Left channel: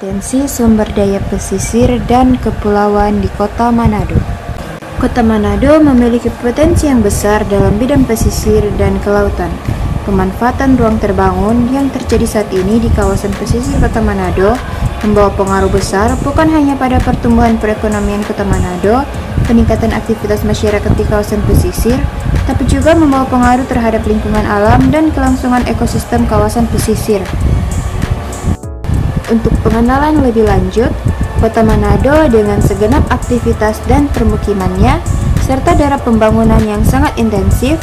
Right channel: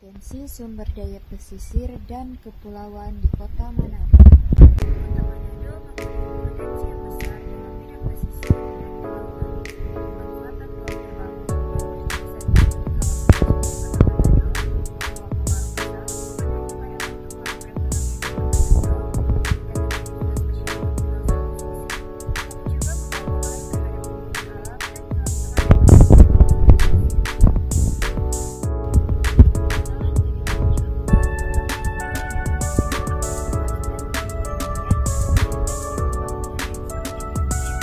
Potensi sumber daya pesisir dan kepulauan di Kota Manado. Kota Manado memiliki potensi yang besar dalam bidang pesisir dan kelautan. Pemanfaatan ruang terbangun yang terjadi saat ini di kawasan pesisir Kota Manado membawa pengaruh besar bukan hanya pada pertumbuhan perekonomian Kota Manado, peningkatan aktivitas masyarakat di kawasan pesisir, tapi juga membawa pengaruh terhadap lingkungan alam dan kelangsungan ekosistem kawasan pesisir. Untuk pengenalan lebih lanjut, Kota Manado dengan segenap aktivitas dan permukimannya, serta daerah pembangunan yang sangat intensif,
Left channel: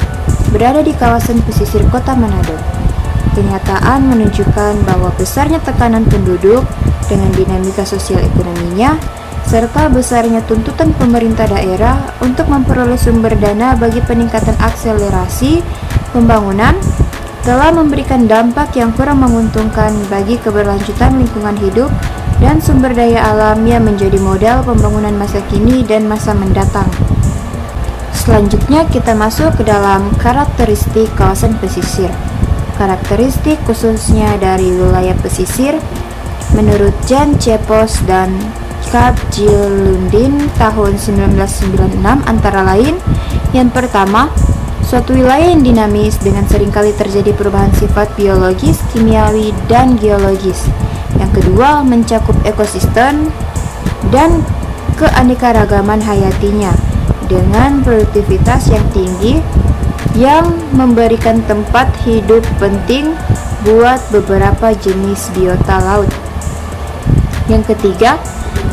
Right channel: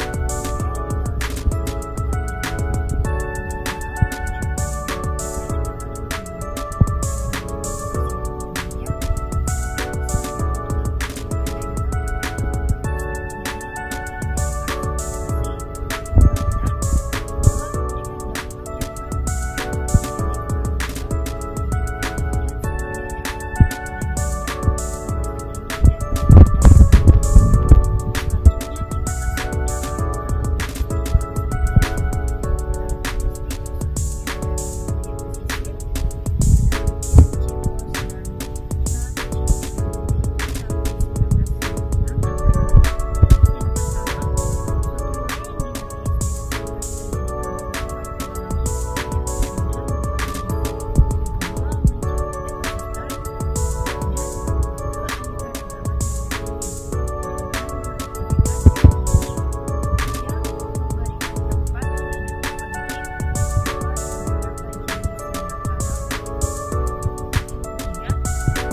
berada di kawasan pesisir Kota Manado. Kenyataan menunjukkan bahwa besarnya tekanan penduduk dengan dinamika sosial ekonominya, serta besarnya tuntutan pemerintah daerah untuk memperoleh sumber dana bagi peningkatan akselerasi pembangunan, telah memberikan dampak yang kurang menguntungkan bagi keberlanjutan lingkungan hidup dan sumber daya alam yang menjadi modal pembangunan masa kini dan masa mendatang. Selanjutnya kita masuk ke dalam karakteristik kawasan pesisir. Karakteristik khususnya dari wilayah pesisir menurut Jan Cepos dan Kap Jilundin tahun 1996 antara lain, yang pertama, suatu wilayah yang dinamis dengan seringkali terjadi perubahan sifat biologis, kimiawi, dan geologis. Yang kedua, mencakup ekosistem dan keanekaragaman hayatinya dengan produktivitas yang tinggi yang memberikan tempat hidup penting buat beberapa jenis biota laut. Yang ketiga,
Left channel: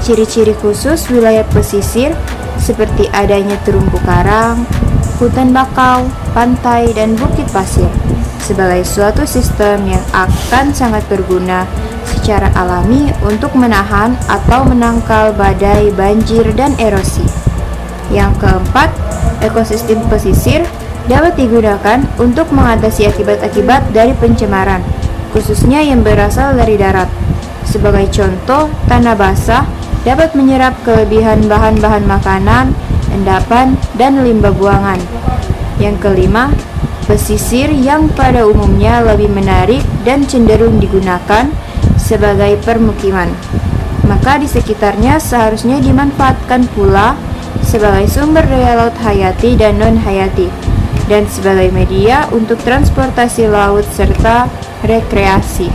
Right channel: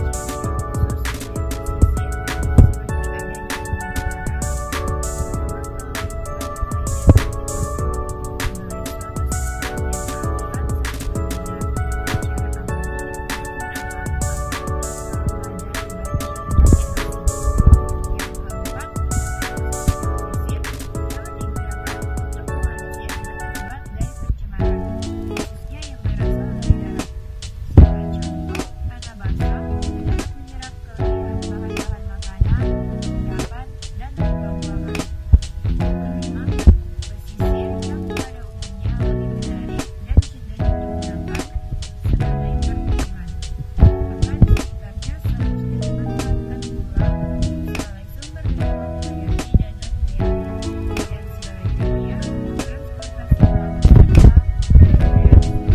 ciri-ciri khusus wilayah pesisir seperti adanya terumbu karang, hutan bakau, pantai, dan bukit pasir sebagai suatu sistem yang akan sangat berguna secara alami untuk menahan atau menangkal badai, banjir, dan erosi. Yang keempat, ekosistem pesisir dapat digunakan untuk mengatasi akibat-akibat dari pencemaran, khususnya yang berasal dari darat. Sebagai contoh, tanah basah dapat menyerap kelebihan bahan-bahan makanan, endapan, dan limbah buangan. Yang kelima, pesisir yang pada umumnya lebih menarik dan cenderung digunakan sebagai permukiman, maka di sekitarnya seharusnya dimanfaatkan pula sebagai sumber daya laut hayati dan non-hayati, dan sebagai media untuk transportasi laut serta rekreasi.